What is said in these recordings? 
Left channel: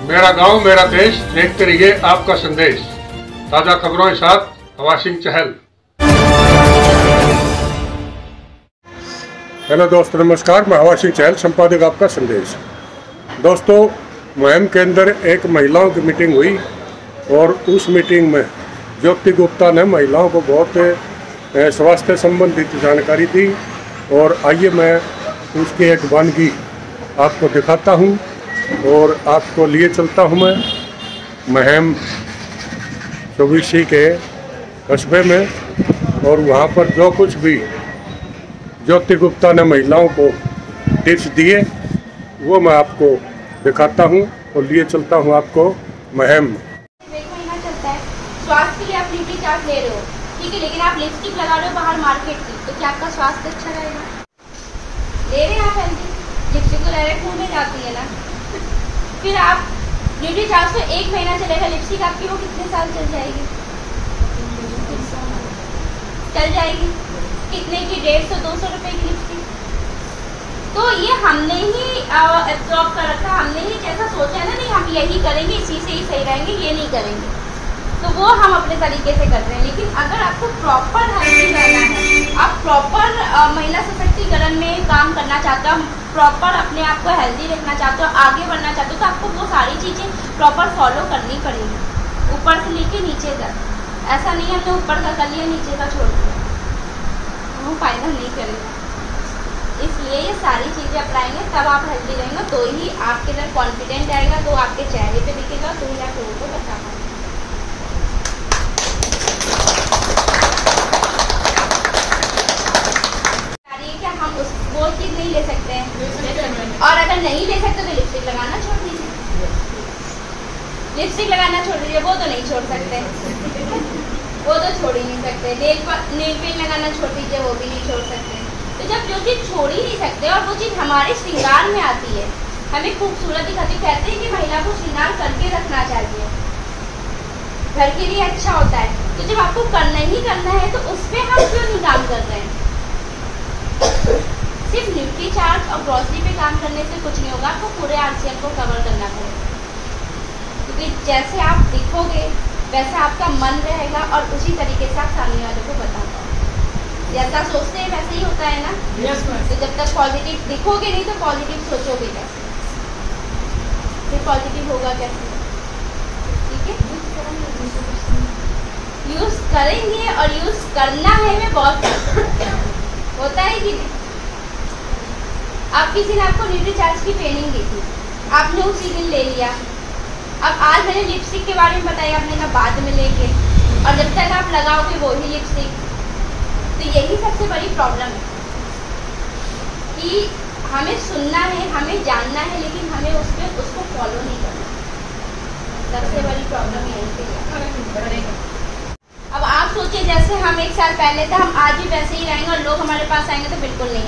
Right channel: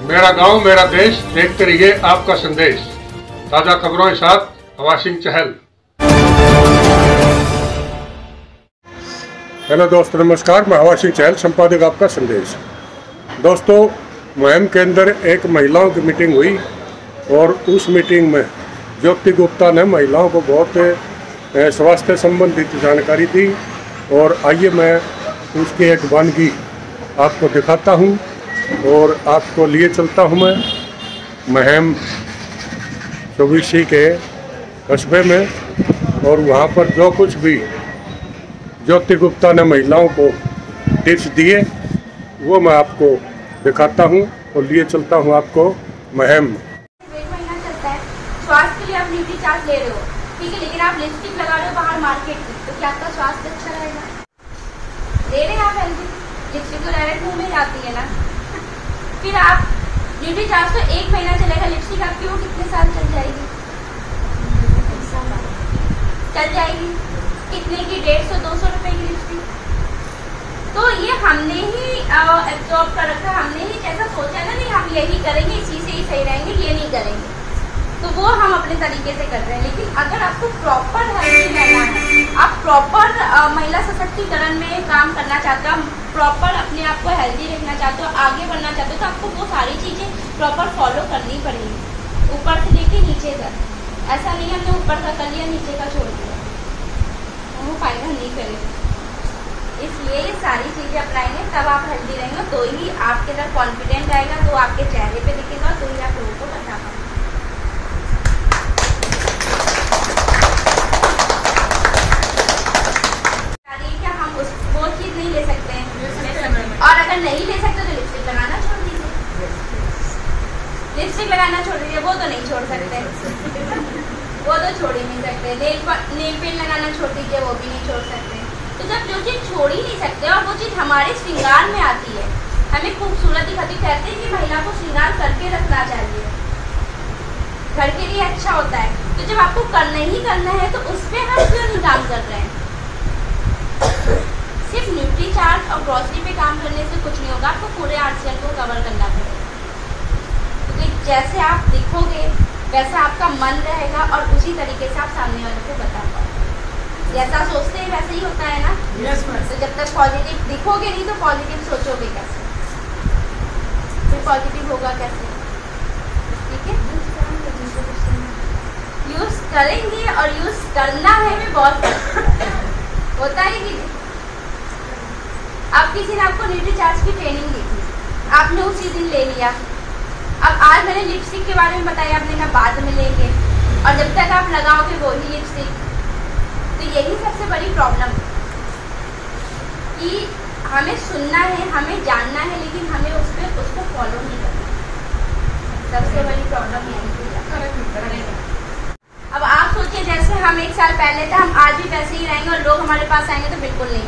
मेरा गांव मेरा देश, देखते रहिए आपका संदेश। ताजा खबरों के साथ हवा सिंह चहल। हेलो दोस्तों, नमस्कार। मैं हवा सिंह चहल, संपादक आपका संदेश। दोस्तों, मुहिम के अंदर एक महिलाओं की मीटिंग हुई और उस मीटिंग में ज्योति गुप्ता ने महिलाओं को बहुत स्वास्थ्य संबंधित जानकारी दी। और आइए मैं उसकी एक वानगी आपको दिखाता हूं और आपको लिए चलता हूं मैं मुहिम चौबीसी के कस्बे में। और वहां पर जो कुछ भी ज्योति गुप्ता ने महिलाओं को टिप्स दिए वो मैं आपको दिखाता हूं और लिए चलता हूं आपको मुहिम। एक महीना चलता है, स्वास्थ्य के लिए आप न्यूट्री चार्ट ले रहे हो, ठीक है, लेकिन आप लिपस्टिक लगा रहे हो बाहर मार्केट की, तो क्या आपका स्वास्थ्य अच्छा रहेगा? ले रहे हैं आप हेल्दी लिपस्टिक, तो डायरेक्ट मुंह में जाती है ना। फिर आप न्यूट्री चार्ट तो एक महीना चलेगा, लिपस्टिक आपकी वो कितने साल चल जाएगी? चल जाएगी। कितने की? 150-200 रुपए की लिपस्टिक। तो ये हमने ही एब्जॉर्ब कर रखा है, हमने ही जैसा सोचा है ना, नहीं हम यही करेंगे, इसी से ही सही रहेंगे, ये नहीं करेंगे, तो वो हम अपने तरीके से कर रहे हैं। लेकिन अगर आपको प्रॉपर हेल्थी रहना है, आप प्रॉपर महिला सशक्तिकरण में काम करना चाहते हो, प्रॉपर अपने आप को हेल्दी रखना चाहते हो, आगे बढ़ना चाहते हो, तो आपको वो सारी चीजें प्रॉपर फॉलो करनी पड़ेगी, ऊपर से लेके नीचे तक। ऐसा नहीं है कि ऊपर का कर लिया नीचे का छोड़ दिया, वो फाइनल नहीं करेगा। इसलिए ये सारी चीजें अपनाएंगे तब आप हेल्दी रहेंगे, तो ही आपके अंदर कॉन्फिडेंट आएगा, तो आपके चेहरे पे दिखेगा, तो ही आप लोगों को बता पाएंगे। क्या हम वो चीज नहीं ले सकते हैं? और अगर नहीं ले सकते तो लिपस्टिक लगाना छोड़ दीजिए। लिपस्टिक लगाना छोड़ दीजिए, वो तो नहीं छोड़ सकते, वो तो छोड़ ही नहीं सकते। नेल पेंट लगाना छोड़ दीजिए, वो भी नहीं छोड़ सकते। तो जब जो चीज छोड़ ही नहीं सकते और वो चीज हमारे श्रृंगार में आती है, हमें खूबसूरत दिखाती, कहते हैं कि महिला को श्रृंगार करके रखना चाहिए, घर के लिए अच्छा होता है। तो जब आपको करना ही करना है तो उस पर हम क्यों नहीं काम कर रहे हैं? सिर्फ न्यूट्री चार्ट और ग्रोसरी पे काम करने से कुछ नहीं होगा, आपको पूरे आर्सियन को कवर करना पड़ेगा। क्योंकि जैसे आप दिखोगे वैसा आपका मन रहेगा और उसी तरीके से आप सामने वालों को बता पाओगे। जैसा सोचते हैं वैसे ही होता है ना। yes, तो जब तक पॉजिटिव दिखोगे नहीं तो पॉजिटिव सोचोगे कैसे? फिर पॉजिटिव होगा कैसे? ठीक है, यूज करेंगे और यूज करना है में बहुत होता है कि अब किसी ने आपको न्यूट्री चार्ज की ट्रेनिंग दी थी, आपने उसी दिन ले लिया। अब आज मैंने लिपस्टिक के बारे में बताया, आपने कहा बाद में लेंगे, और जब तक आप लगाओगे वही लिपस्टिक, तो यही सबसे बड़ी प्रॉब्लम है कि हमें सुनना है, हमें जानना है, लेकिन हमें उसको फॉलो नहीं करना। सबसे बड़ी प्रॉब्लम यही है। अब आप सोचिए, जैसे हम 1 साल पहले थे, हम आज भी वैसे ही रहेंगे और लोग हमारे पास आएंगे तो बिल्कुल नहीं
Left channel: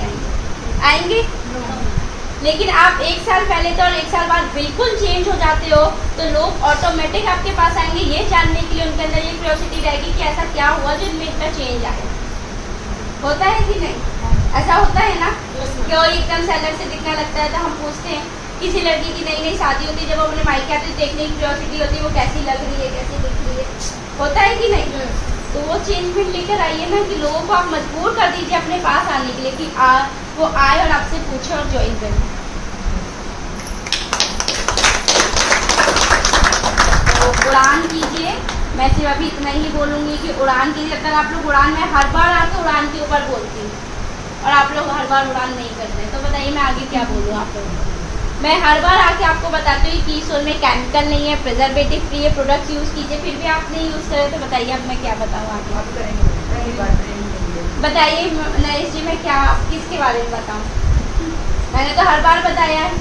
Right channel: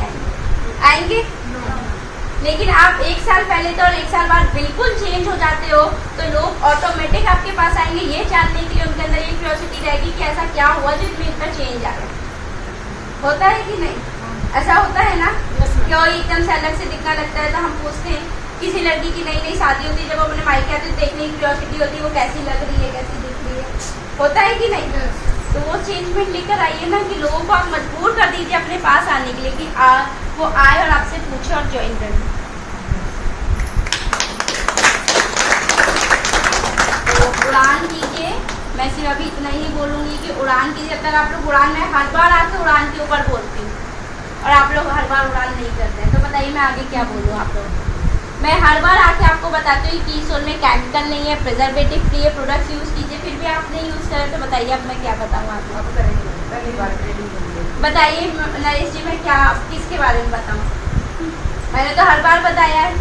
आएंगे। लेकिन आप 1 साल पहले थे और 1 साल बाद बिल्कुल चेंज हो जाते हो, तो लोग ऑटोमेटिक आपके पास आएंगे, ये जानने के लिए उनके अंदर ये क्यूरियोसिटी रहेगी कि ऐसा क्या हुआ जो इनमें इतना चेंज आया। होता है कि नहीं? ऐसा होता है ना। क्यों एकदम से अलग से दिखना लगता है, तो हम पूछते हैं। किसी लड़की की नई नई शादी होती है, जब वो अपने मायके आते देखने की क्यूरियोसिटी होती है, वो कैसी लग रही है, कैसी दिख रही है, होता है कि नहीं? तो वो चेंजमेंट लेकर आइए ना, कि लोगों को आप मजबूर कर दीजिए अपने पास आने के लिए, कि वो आए और आपसे पूछे और ज्वाइन करें। तो उड़ान कीजिए। मैं सिर्फ अभी इतना ही बोलूंगी कि उड़ान कीजिए। जब तक आप लोग उड़ान, मैं हर बार आपको उड़ान के ऊपर बोलती हूँ और आप लोग हर बार उड़ान नहीं करते हैं, तो बताइए मैं आगे क्या बोलूँ आप लोगों को? मैं हर बार आके आपको बताती हूँ कि कीसोल में केमिकल नहीं है, प्रिजर्वेटिव फ्री है, प्रोडक्ट्स यूज़ कीजिए, फिर भी आप नहीं यूज़ करें, तो बताइए अब मैं क्या बताऊँ आगे? बताइए नरेश जी, मैं क्या किसके बारे में बताऊँ? मैंने तो हर बार बताया है,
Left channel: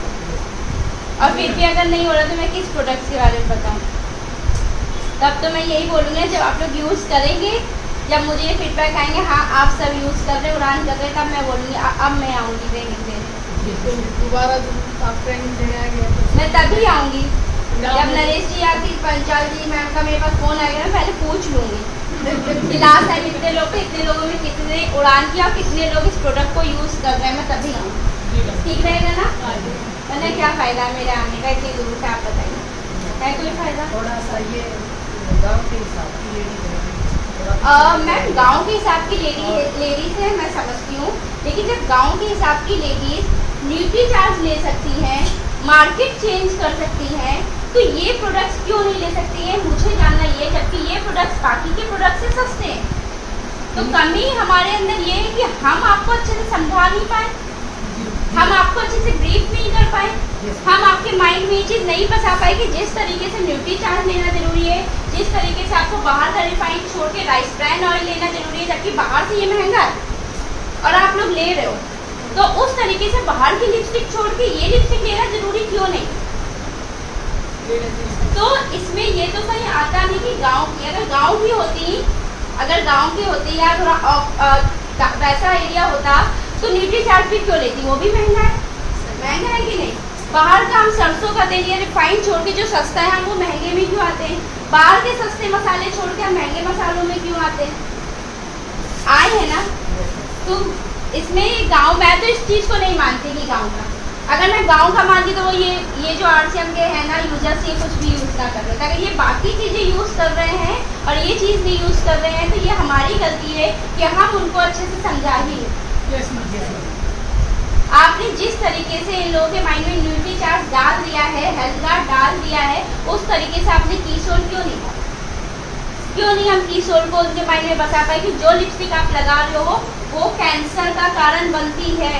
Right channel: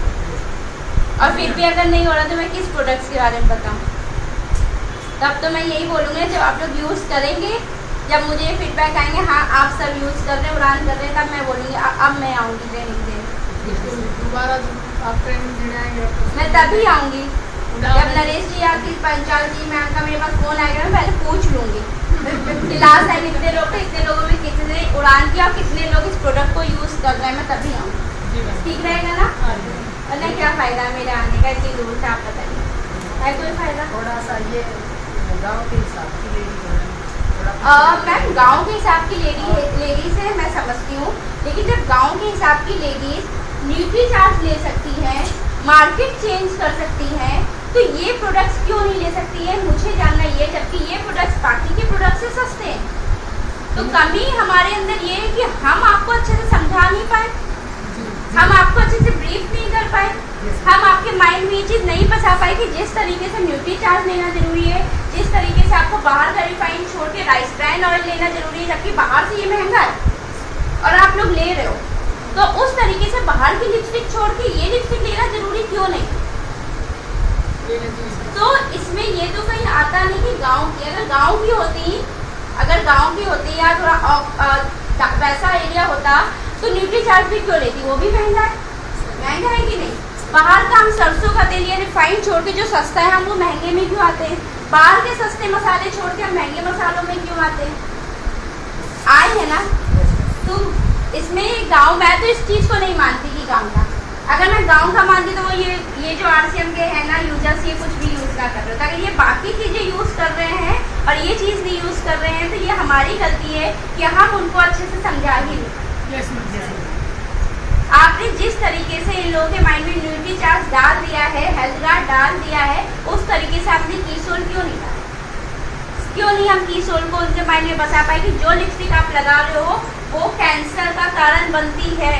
और फिर भी अगर नहीं हो रहा तो मैं किस प्रोडक्ट्स के बारे में बताऊँ? तब तो मैं यही बोलूँगी, जब आप लोग यूज़ करेंगे, जब मुझे ये फीडबैक आएंगे, हाँ आप सब यूज़ कर रहे हैं, उड़ान कर रहे हैं, तब मैं बोलूँगी अब मैं आऊँगी ट्रेनिंग देने। दोबारा जब आप ट्रेनिंग देने आएंगे मैं तभी आऊँगी जब नरेश जी या फिर पंचाल जी मैम का मेरे पास फोन आएगा, मैं पहले पूछ लूँगी कि लास्ट टाइम इतने लोग थे, इतने लोगों में कितने उड़ान किया और कितने लोग इस प्रोडक्ट को यूज़ कर रहे हैं, मैं तभी आऊँगी। ठीक रहेगा ना? वरना क्या फ़ायदा है मेरे आने का इतनी दूर से? आप बताइए। है कोई फायदा? थोड़ा सा ये गांव के हिसाब की लेडी मैम गांव के हिसाब की लेडीज है, मैं समझती हूँ, लेकिन जब गांव के हिसाब की लेडीज न्यूट्री चार्ज ले सकती हैं, मार्केट चेंज कर सकती हैं, तो ये प्रोडक्ट्स क्यों नहीं ले सकती हैं? मुझे जानना ये, जबकि ये प्रोडक्ट्स बाकी के प्रोडक्ट से सस्ते हैं। तो कमी हमारे अंदर ये है कि हम आपको अच्छे से समझा नहीं पाए, हम आपको अच्छे से ब्रीफ नहीं कर पाए, हम आपके माइंड में ये चीज़ नहीं फंसा पाए कि जिस तरीके से न्यूट्री चार्ज लेना जरूरी है, जिस तरीके से आपको बाहर का रिफाइंड छोड़ के राइस ब्रांड ऑयल लेना जरूरी है, जबकि बाहर से ये महंगा है और आप लोग ले रहे हो, तो उस तरीके से बाहर की लिपस्टिक छोड़ के ये लिपस्टिक लेना जरूरी क्यों नहीं? तो इसमें ये तो कहीं आता नहीं कि गाँव की, अगर गाँव की होती या थोड़ा वैसा एरिया होता तो न्यूट्री चार्ज भी क्यों लेती? वो भी महंगा है कि नहीं? बाहर का हम सरसों का तेल या रिफाइंड छोड़ के जो सस्ता है हम वो महंगे में क्यों आते हैं? बाहर के सस्ते मसाले छोड़ के हम महंगे मसालों में क्यों आते हैं? आए हैं ना? तो इसमें गांव, मैं तो इस चीज़ को नहीं मानती कि गांव का, अगर मैं गांव का मानती तो वो ये जो RCM के है ना यूजर्स, ये कुछ भी यूज़ ना कर रहे थे। अगर ये बाकी चीज़ें यूज़ कर रहे हैं और ये चीज़ नहीं यूज़ कर रहे हैं तो ये हमारी गलती है कि हम उनको अच्छे से समझा ही नहीं। आपने जिस तरीके से इन लोगों के माइंड में न्यूट्री चार्ज डाल दिया है, हेल्थ गार्ड डाल दिया है, उस तरीके से आपने कीसोल क्यों नहीं डाला? क्यों नहीं हम कीसोल को उनके माइंड में बसा पाए कि जो लिपस्टिक आप लगा रहे हो वो कैंसर का कारण बनती है?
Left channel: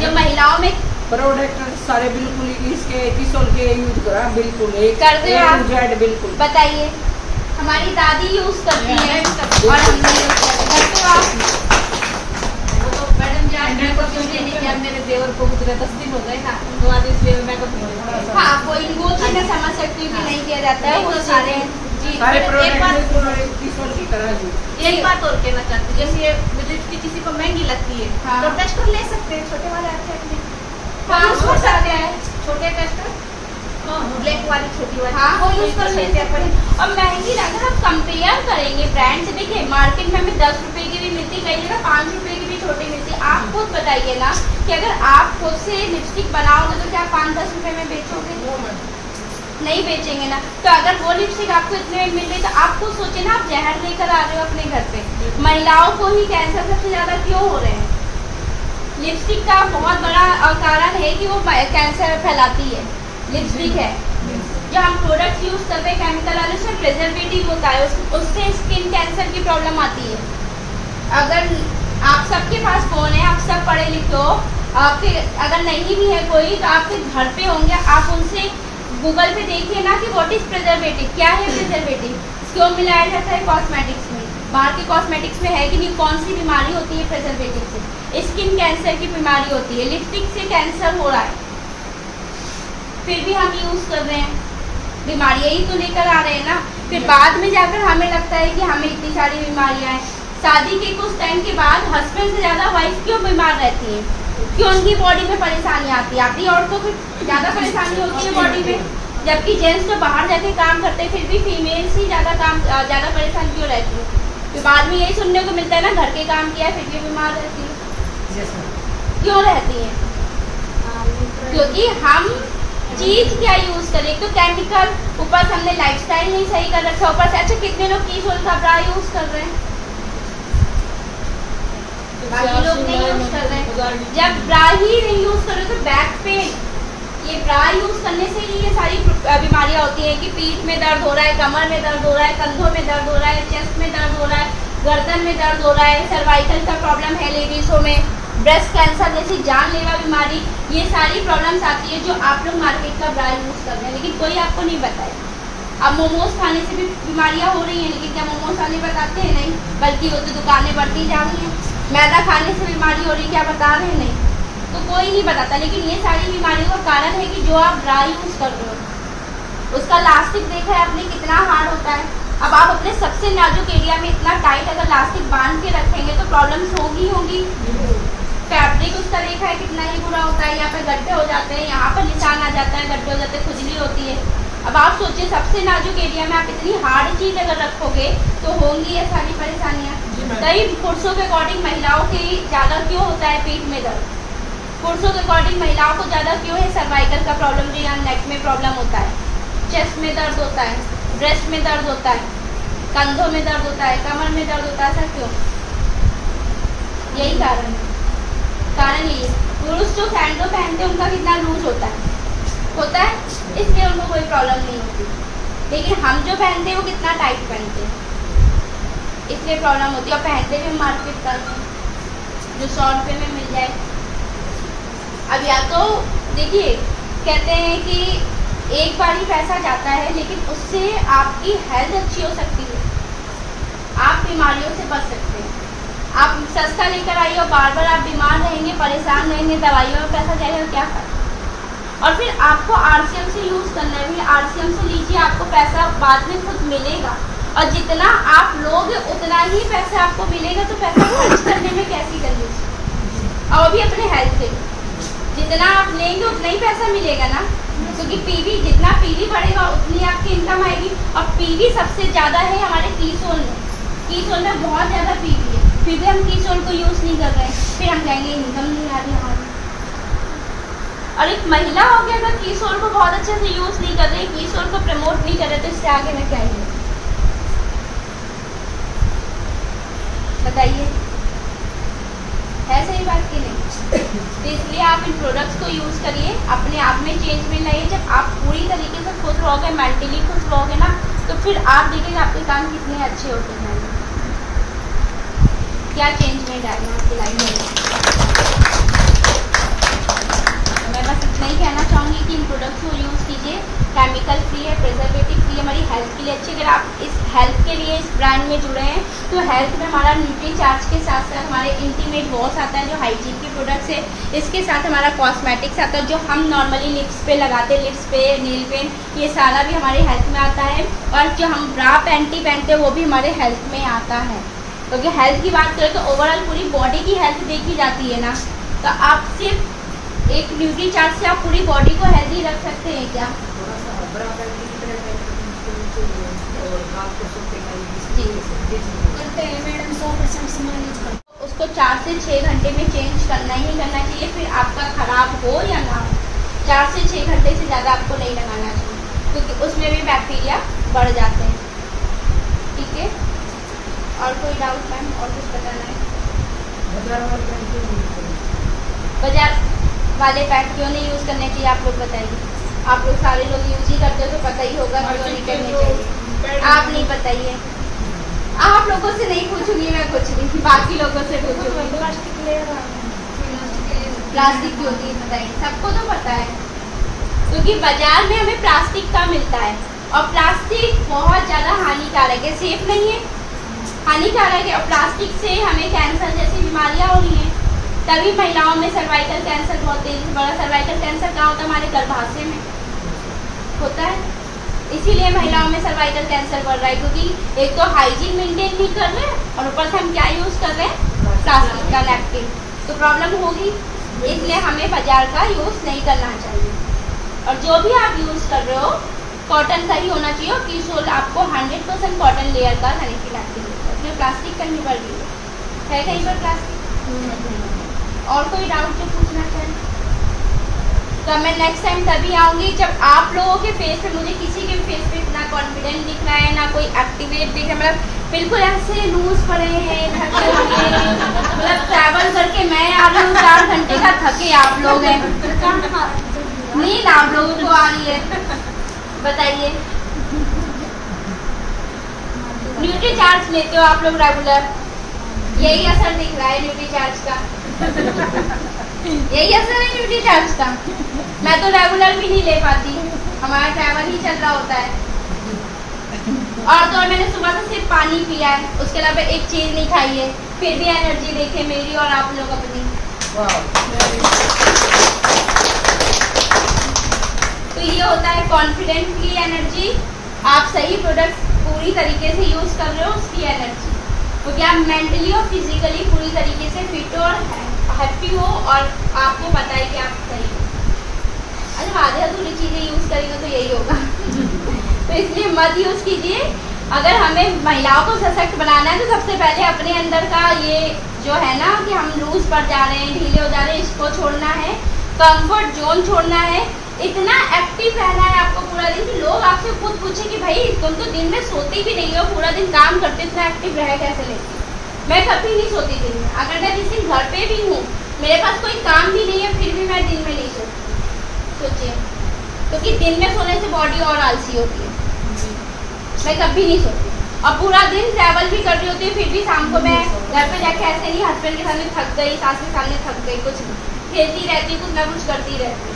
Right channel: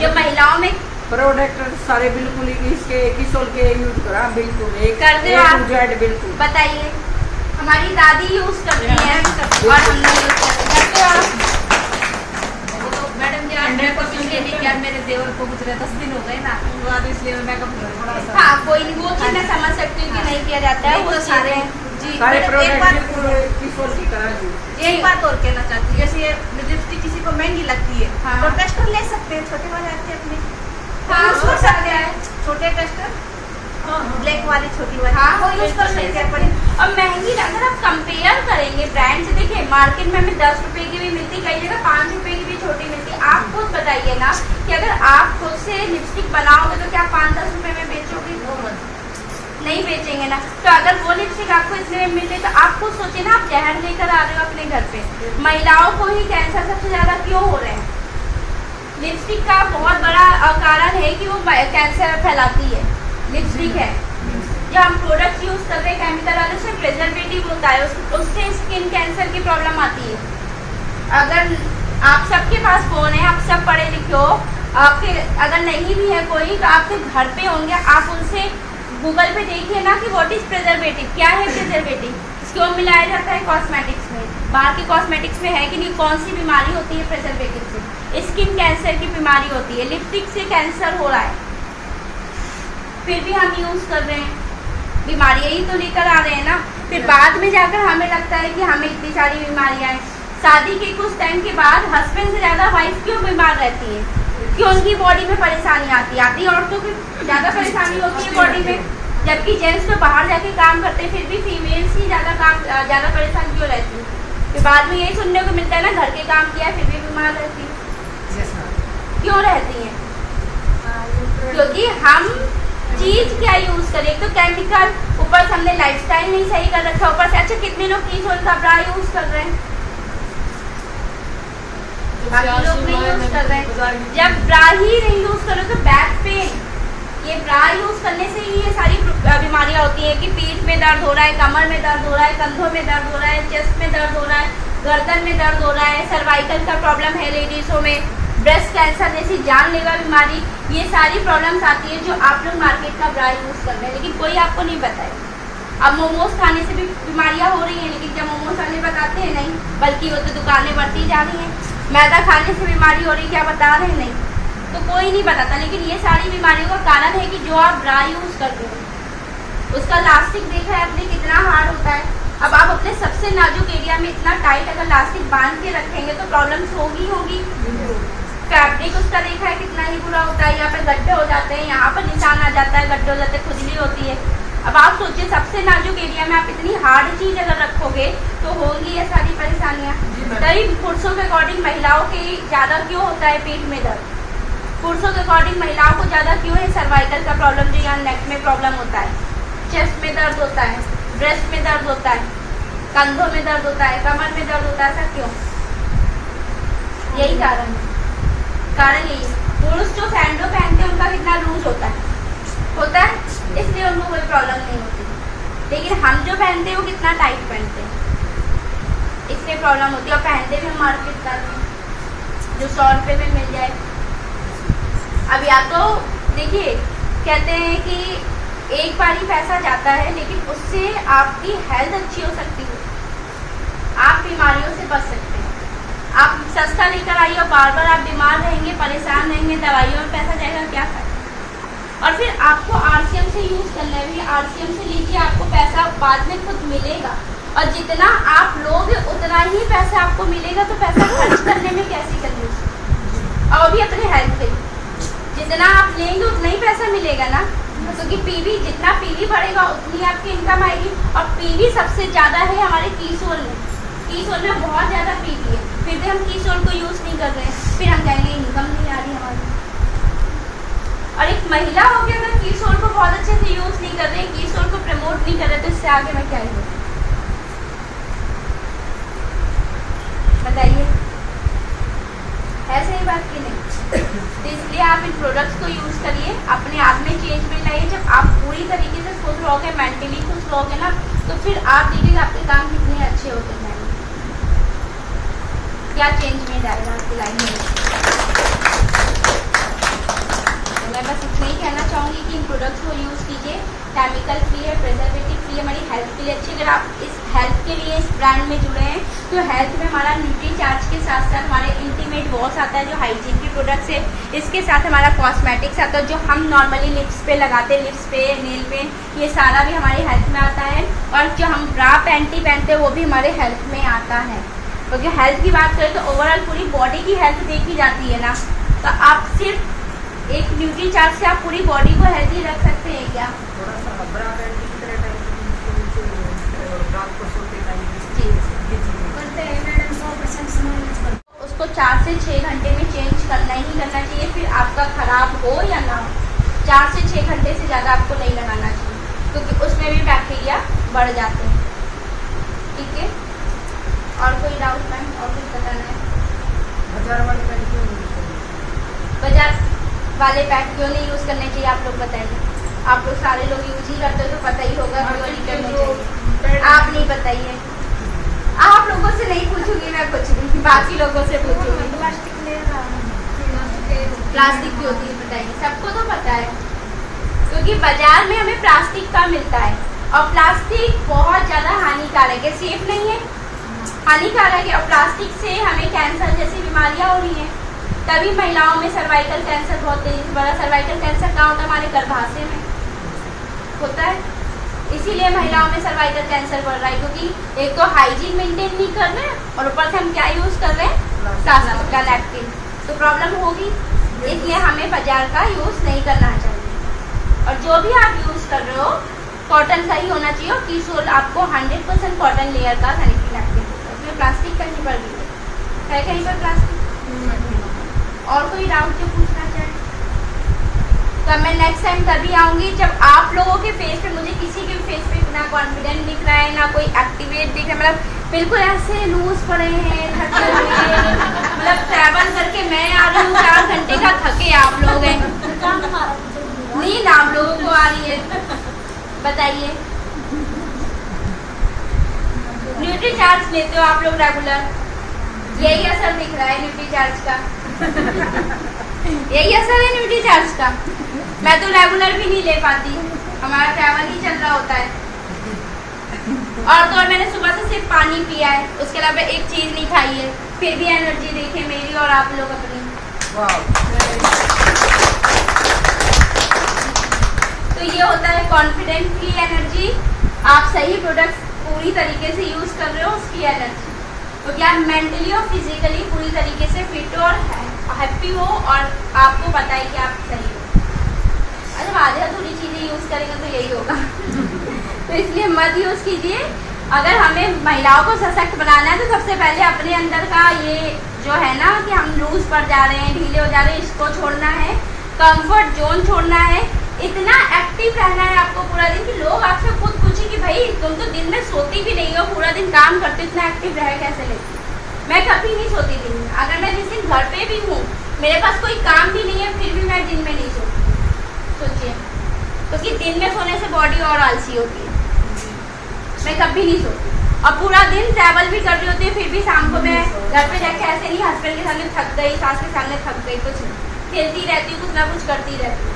जो महिलाओं में प्रोडक्ट सारे बिल्कुल इसके कीसोल के यूज करा, बिल्कुल कर दे आप, बिल्कुल बताइए। हमारी दादी यूज करती है और हम नहीं करते आप। मैडम मेरे देवर को गुजरे 10 दिन हो गए ना, तो आज इसलिए मेकअप थोड़ा सा। हाँ, कोई वो चीज़ मैं समझ सकती हूँ कि नहीं किया जाता है, वो सारे जी। एक बात और कहना चाहती हूँ, जैसे ये लिपस्टिक किसी को महंगी लगती है हाँ। तो टेस्टर ले सकते हैं, छोटे वाले आते हैं अपने, हाँ, यूज कर हो सकते सकता हैं, छोटे टेस्टर, ब्लैक वाली छोटी वाली, हाँ, वो यूज कर सकते हैं अपन। और महंगी, अगर आप कंपेयर करेंगे ब्रांड से, देखिए मार्केट में हमें 10 रुपए की भी मिलती, कई जगह 5 रुपए की भी छोटी मिलती है। आप खुद बताइए ना कि अगर आप खुद से लिपस्टिक बनाओगे तो क्या 5-10 रुपए में बेचोगे? नहीं बेचेंगे ना। तो अगर वो लिपस्टिक आपको इतने में मिल रही तो आप खुद सोचिए ना, आप जहर लेकर आ रहे हो अपने घर पे। महिलाओं को ही कैंसर सबसे ज्यादा क्यों हो रहे हैं? लिपस्टिक का बहुत बड़ा कारण है कि वो कैंसर फैलाती है। लिपस्टिक है जो हम प्रोडक्ट यूज कर रहे हैं केमिकल वाले, उसमें प्रिजर्वेटिव होता है, उससे स्किन कैंसर की प्रॉब्लम आती है। अगर आप सबके पास फोन है, आप सब पढ़े लिखे हो, आपके अगर नहीं भी है कोई तो आपके घर पे होंगे, आप उनसे गूगल पे देखिए ना कि व्हाट इज प्रिजर्वेटिव, क्या है प्रिजर्वेटिव, क्यों मिलाया जाता है कॉस्मेटिक्स में, बाहर के कॉस्मेटिक्स में है कि नहीं, कौन सी बीमारी होती है प्रिजर्वेटिव से? स्किन कैंसर की बीमारी होती है, लिपस्टिक से कैंसर हो रहा है, फिर भी हम यूज कर रहे हैं, बीमारियां ही तो लेकर आ रहे हैं ना। फिर बाद में जाकर हमें लगता है कि हमें इतनी सारी बीमारियां हैं। शादी के कुछ टाइम के बाद हस्बैंड से ज्यादा वाइफ क्यों बीमार रहती है? क्यों उनकी बॉडी में परेशानी आती है? आती औरतों को ज्यादा परेशानी होती है बॉडी में, जबकि जेंट्स तो बाहर जाके काम करते हैं, फिर भी फीमेल्स ही ज्यादा परेशान क्यों रहती है? फिर बाद में यही सुनने को मिलता है ना, घर के काम किया फिर भी बीमार रहती है। क्यों रहती है? क्योंकि हम चीज क्या यूज करें, एक तो केमिकल, ऊपर से हमने लाइफस्टाइल नहीं सही कर रखा, ऊपर से अच्छा कितने लोग कीसोल का ब्रा यूज कर रहे हैं, बाकी लोग नहीं यूज कर रहे हैं। जब ब्रा ही नहीं यूज करो तो बैक पेन, ये ब्रा यूज करने से ही ये सारी बीमारियां होती है कि पीठ में दर्द हो रहा है, कमर में दर्द हो रहा है, कंधों में दर्द हो रहा है, चेस्ट में दर्द हो रहा है, गर्दन में दर्द हो रहा है, सर्वाइकल का प्रॉब्लम है लेडीजों में, ब्रेस्ट कैंसर जैसी जानलेवा बीमारी, ये सारी प्रॉब्लम्स आती है जो आप लोग मार्केट का ब्रा यूज कर रहे हैं, लेकिन कोई आपको नहीं बताए। अब मोमोज खाने से भी बीमारियां हो रही हैं, लेकिन क्या मोमोज वाले बताते हैं? नहीं, बल्कि वो तो दुकानें बढ़ती जा रही हैं। मैदा खाने से बीमारी हो रही, क्या बता रहे हैं? नहीं, तो कोई नहीं बताता। लेकिन ये सारी बीमारियों का कारण है कि जो आप ब्रा यूज कर रहे हो उसका लास्टिक देखा है आपने कितना हार्ड होता है। अब आप अपने सबसे नाजुक एरिया में इतना टाइट अगर लास्टिक बांध के रखेंगे तो प्रॉब्लम्स होगी। फैब्रिक उसका देखा है कितना ही बुरा होता है, यहाँ पे गड्ढे हो जाते हैं, यहाँ पर निशान आ जाता है, गड्ढे हो जाते हैं, खुजली होती है। अब आप सोचिए सबसे नाजुक एरिया में आप इतनी हार्ड चीज अगर रखोगे तो होंगी ये सारी परेशानियाँ। तभी पुरुषों के अकॉर्डिंग महिलाओं के ज्यादा क्यों होता है पीठ में दर्द, पुरुषों के अकॉर्डिंग महिलाओं को ज्यादा क्यों है सर्वाइकल का प्रॉब्लम, जो यहाँ नेक में प्रॉब्लम होता है, चेस्ट में दर्द होता है, ब्रेस्ट में दर्द होता है, कंधों में दर्द होता है, कमर में दर्द होता है, ऐसा क्यों? यही कारण है। कारण यही है। पुरुष जो सैंडो पहनते हैं उनका कितना लूज होता है, इसलिए उनको कोई प्रॉब्लम नहीं होती। लेकिन हम जो पहनते हैं वो कितना टाइट पहनते हैं, इसलिए प्रॉब्लम होती है। और पहनते भी हम मार्केट करते हैं जो 100 रुपये में मिल जाए। अब या तो देखिए, कहते हैं कि एक बार ही पैसा जाता है, लेकिन उससे आपकी हेल्थ अच्छी हो सकती है, आप बीमारियों से बच सकते हैं। आप सस्ता लेकर आइए और बार बार आप बीमार रहेंगे, परेशान रहेंगे, दवाइयों में पैसा जाएगा, क्या फायदा। और फिर आपको RCM से यूज़ करना है, RCM से लीजिए, आपको पैसा बाद में खुद मिलेगा। और जितना आप लोगे उतना ही पैसा आपको मिलेगा, तो पैसा खर्च करने में कैसी कंजूसी। और अभी अपने हेल्थ पे जितना आप लेंगे उतना ही पैसा मिलेगा ना, क्योंकि PV जितना PV बढ़ेगा उतनी आपकी इनकम आएगी। और PV सबसे ज़्यादा है हमारे कीसोल में, कीसोल में बहुत ज़्यादा PV है, फिर भी हम कीसोल को यूज़ नहीं कर रहे हैं, फिर हम कहेंगे इनकम नहीं आ रही हमारी। और एक महिला हो के अगर कीसोल को बहुत अच्छे से यूज़ नहीं कर रहे, कीसोल को प्रमोट नहीं कर रहे, तो इससे आगे मैं क्या ही हूँ, बताइए, है सही बात की नहीं? तो इसलिए आप इन प्रोडक्ट्स को यूज़ करिए, अपने आप में चेंज में लाइए। जब आप पूरी तरीके से खुश रहोगे, मेंटली खुश रहोगे ना, तो फिर आप देखिए आपके काम कितने अच्छे होते जाएंगे, क्या चेंज में जाएगा आपकी लाइफ में। मैं बस इतना ही कहना चाहूँगी कि इन प्रोडक्ट्स को यूज़ कीजिए, केमिकल फ्री है, प्रिजर्वेटिव फ्री है, हमारी हेल्थ के लिए अच्छी। अगर आप इस हेल्थ के लिए इस ब्रांड में जुड़े हैं, तो हेल्थ में हमारा न्यूट्रीचार्ज के साथ साथ हमारे इंटीमेट वॉश आता है जो हाइजीन के प्रोडक्ट्स है, इसके साथ हमारा कॉस्मेटिक्स आता है जो हम नॉर्मली लिप्स पे लगाते हैं, लिप्स पे, नेल पेंट, ये सारा भी हमारे हेल्थ में आता है। और जो हम ब्रा पैंटी पहनते हैं वो भी हमारे हेल्थ में आता है। क्योंकि हेल्थ की बात करें तो ओवरऑल पूरी बॉडी की हेल्थ देखी जाती है ना, तो आप सिर्फ एक न्यूट्रीचार्ज से आप पूरी बॉडी को हेल्दी रख सकते हैं क्या? उसको 4 से 6 घंटे में चेंज करना ही करना चाहिए, फिर आपका खराब हो या ना हो, 4 से 6 घंटे से ज़्यादा आपको नहीं लगाना चाहिए, क्योंकि उसमें भी बैक्टीरिया बढ़ जाते हैं। ठीक है, और कोई डाउट मैम? और कुछ बताना है? बाजार वाले पैक क्यों नहीं यूज़ करने चाहिए, आप लोग बताइए। आप लोग सारे लोग यूज ही करते हो तो पता ही होगा क्यों नहीं करने चाहिए। आप नहीं बताइए, आप लोगों से नहीं पूछूंगी मैं कुछ नहीं, बाकी लोगों से पूछूंगी। प्लास्टिक की होती है, बताइए, सबको तो पता है, क्योंकि बाजार में हमें प्लास्टिक का मिलता है और प्लास्टिक बहुत ज़्यादा हानिकारक है, सेफ नहीं है, हानिकारक है। और प्लास्टिक से हमें कैंसर जैसी बीमारियां हो रही हैं। तभी महिलाओं में सर्वाइकल कैंसर बहुत तेजी से बढ़ा। सर्वाइकल कैंसर कहाँ होता है? हमारे गर्भाशय में होता है, इसीलिए महिलाओं में सर्वाइकल कैंसर बढ़ रहा है, क्योंकि एक तो हाइजीन मेंटेन नहीं कर रहे हैं और ऊपर से हम क्या यूज़ कर रहे हैं? प्लास्टिक का नैपकिन, तो प्रॉब्लम होगी। इसलिए हमें बाजार का यूज़ नहीं करना चाहिए, और जो भी आप यूज़ कर रहे हो कॉटन का ही होना चाहिए। और कीसोल आपको 100% कॉटन लेयर का सैनिटरी नैपकिन देता है, उसमें प्लास्टिक कहीं पर भी है कहीं पर प्लास्टिक। और कोई डाउट जो पूछना चाहे तो मैं नेक्स्ट टाइम तभी आऊँगी जब आप लोगों के फेस पे, मुझे किसी के फेस पे इतना कॉन्फिडेंट दिख रहा है, ना कोई एक्टिवेट दिख रहा है, मतलब बिल्कुल ऐसे लूज पड़े हैं, थके हुए, मतलब ट्रैवल करके मैं आ रही हूँ 4 घंटे का, थके आप लोग हैं, नींद आप लोगों को आ रही है, बताइए। न्यूट्री चार्ज लेते हो आप लोग रेगुलर, यही असर दिख रहा है न्यूट्री चार्ज का, यही असर है न्यूट्री चार्ज का। मैं तो रेगुलर भी नहीं ले पाती, हमारा ट्रैवल ही चल रहा होता है। और तो मैंने सुबह से सिर्फ पानी पिया है, उसके अलावा एक चीज नहीं खाई है, फिर भी एनर्जी देखे मेरी और आप लोग अपनी। तो ये होता है कॉन्फिडेंटली एनर्जी। आप सही प्रोडक्ट पूरी तरीके से यूज कर रहे हो, उसकी एनर्जी, क्योंकि आप मेंटली और फिजिकली पूरी तरीके से फिट और हैप्पी हो और आपको पता है कि आप सही हो। अच्छा, आधे अधूरी चीज़ें यूज़ करेंगे तो यही होगा तो इसलिए मत यूज़ कीजिए। अगर हमें महिलाओं को सशक्त बनाना है तो सबसे पहले अपने अंदर का ये जो है ना कि हम लूज पड़ जा रहे हैं, ढीले हो जा रहे हैं, इसको छोड़ना है, कंफर्ट जोन छोड़ना है। इतना एक्टिव रहना है आपको आपको पूरा दिन, कि लोग आपसे खुद पूछे कि भाई तुम तो दिन में सोती भी नहीं हो, पूरा दिन काम करते, इतना एक्टिव रह कैसे लेती। मैं कभी नहीं सोती दिन में। अगर मैं जिस दिन घर पे भी हूँ, मेरे पास कोई काम भी नहीं है, फिर भी मैं दिन में नहीं सोती। सोचिए, क्योंकि दिन में सोने से बॉडी और आलसी होती है। मैं कभी नहीं सोती और पूरा दिन ट्रैवल भी कर रही होती है, फिर भी शाम को मैं घर पे जाके ऐसे नहीं हस्बैंड के सामने थक गई, सास के सामने थक गई, कुछ नहीं, खेलती रहती हूँ, कुछ ना कुछ करती रहती हूँ।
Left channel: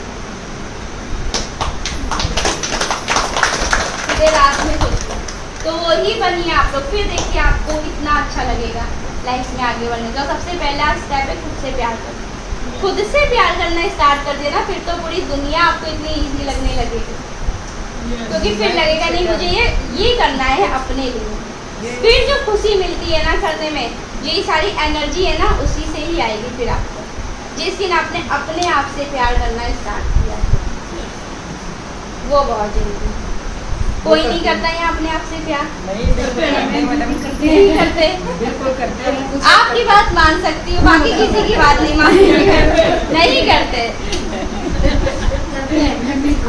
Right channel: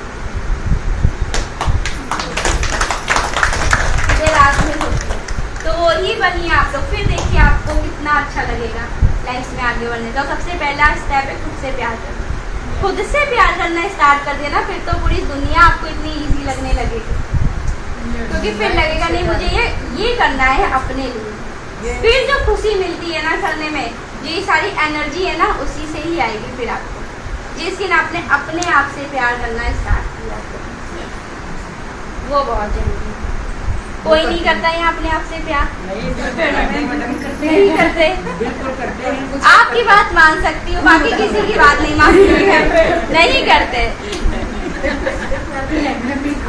रात में सोचती हूँ। तो वही बनिए आप लोग, फिर देखिए आपको कितना अच्छा लगेगा लाइफ में आगे बढ़ने। तो सबसे पहला स्टेप है खुद से प्यार करना। खुद से प्यार करना स्टार्ट कर देना, फिर तो पूरी दुनिया आपको इतनी इजी लगने लगेगी, क्योंकि फिर लगेगा नहीं मुझे ये करना है अपने लिए। फिर जो खुशी मिलती है ना करने में, ये सारी एनर्जी है ना, उसी से ही आएगी फिर आपको, जिस दिन आपने अपने आप से प्यार करना स्टार्ट किया, वो बहुत जरूरी है। कोई नहीं करता है अपने आप से प्यार, नहीं करते। आपकी बात मान सकती हूँ, बाकी किसी की बात नहीं मानती, नहीं करते।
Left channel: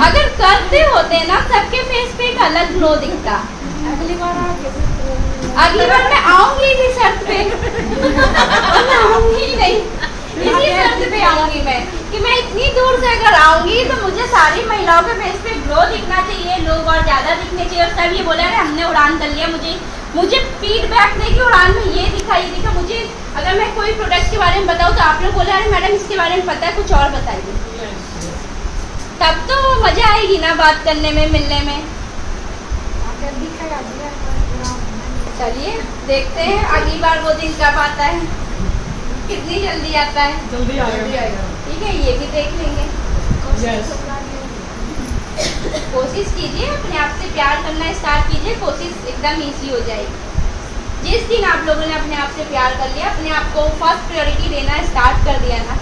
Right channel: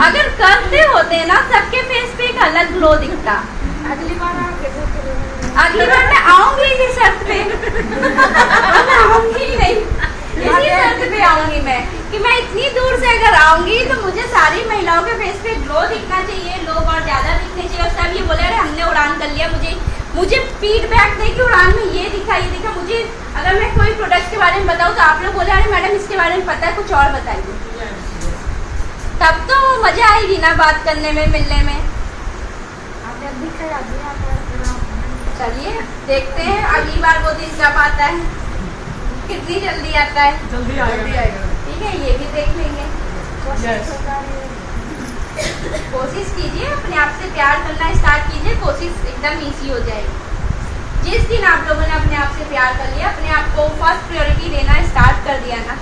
अगर करते होते ना, सबके फेस पे एक अलग ग्लो दिखता। अगली बार मैं आऊंगी इसी शर्त पे, मैं आऊंगी ही नहीं, इसी शर्त पे आऊंगी मैं, कि मैं इतनी दूर से अगर आऊंगी तो मुझे सारी महिलाओं के फेस पे ग्लो दिखना चाहिए, लोग और ज्यादा दिखने चाहिए। और सब ये बोले अरे हमने उड़ान कर लिया, मुझे फीडबैक दे कि उड़ान में ये दिखा ये दिखा। मुझे अगर मैं कोई प्रोडक्ट के बारे में बताऊँ तो आप लोग बोले अरे मैडम इसके बारे में पता है, कुछ और बताइए, तब तो मजा आएगी ना बात करने में, मिलने में। चलिए देखते हैं अगली बार वो दिन कब आता है, कितनी जल्दी आता है। जल्दी आएगा। ठीक है, ये भी देख लेंगे। कोशिश कीजिए, अपने आप से प्यार करना स्टार्ट कीजिए, कोशिश एकदम इजी हो जाएगी। जिस दिन आप लोगों ने अपने आप से प्यार कर लिया, अपने आप को फर्स्ट प्रायोरिटी देना स्टार्ट कर दिया ना,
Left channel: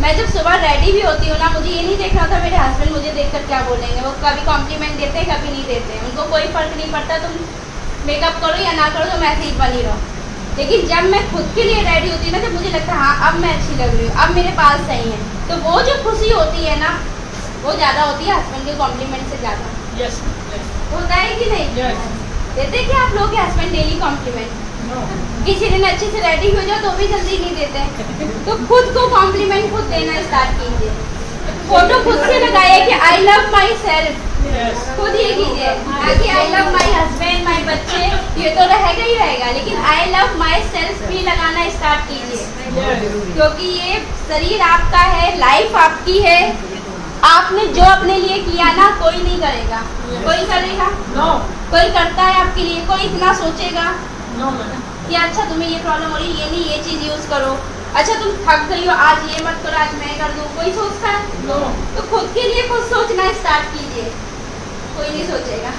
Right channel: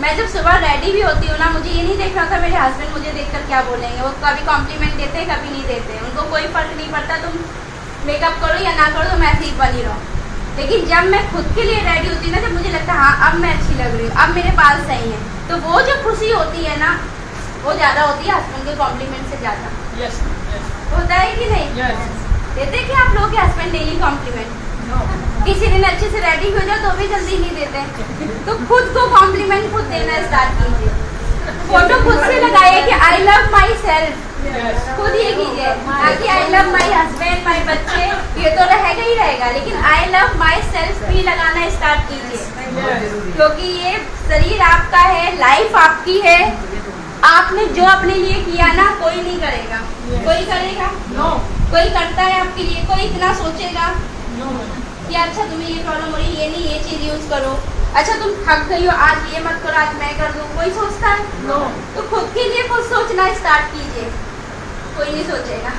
मैं जब सुबह रेडी भी होती हूँ ना, मुझे ये नहीं देखना था मेरे हस्बैंड मुझे देखकर क्या बोलेंगे। वो कभी कॉम्प्लीमेंट देते हैं, कभी नहीं देते, उनको कोई फर्क नहीं पड़ता, तुम मेकअप करो या ना करो, तुम ऐसे ही बनी रहो। लेकिन जब मैं खुद के लिए रेडी होती ना, जब मुझे लगता है हाँ अब मैं अच्छी लग रही हूँ, अब मेरे बाल सही हैं, तो वो जो खुशी होती है ना, वो ज़्यादा होती है हस्बैंड के कॉम्प्लीमेंट से ज़्यादा। यस होता है कि नहीं? देते कि आप लोग के हस्बैंड डेली कॉम्प्लीमेंट? किसी दिन अच्छे से रेडी हो जाओ तो भी जल्दी नहीं देते। तो खुद को कॉम्प्लीमेंट खुद देना स्टार्ट कीजिए। फोटो खुद से लगाइए कि आई लव माई सेल्फ, खुद ये कीजिए, ना कि आई लव माई हस्बैंड माई बच्चे, ये तो रहेगा ही रहेगा, लेकिन आई लव माई सेल्फ भी लगाना स्टार्ट कीजिए, क्योंकि ये शरीर आपका है, लाइफ आपकी है। आपने जो अपने लिए किया ना, कोई नहीं करेगा। कोई करेगा? कोई करता है आपके लिए? कोई इतना सोचेगा कि अच्छा तुम्हें ये प्रॉब्लम हो रही है, ये नहीं ये चीज यूज करो, अच्छा तुम थक गई हो आज ये मत करो, आज मैं कर दूं, कोई सोचता है? तो खुद के लिए खुद सोचना स्टार्ट कीजिए, कोई नहीं सोचेगा।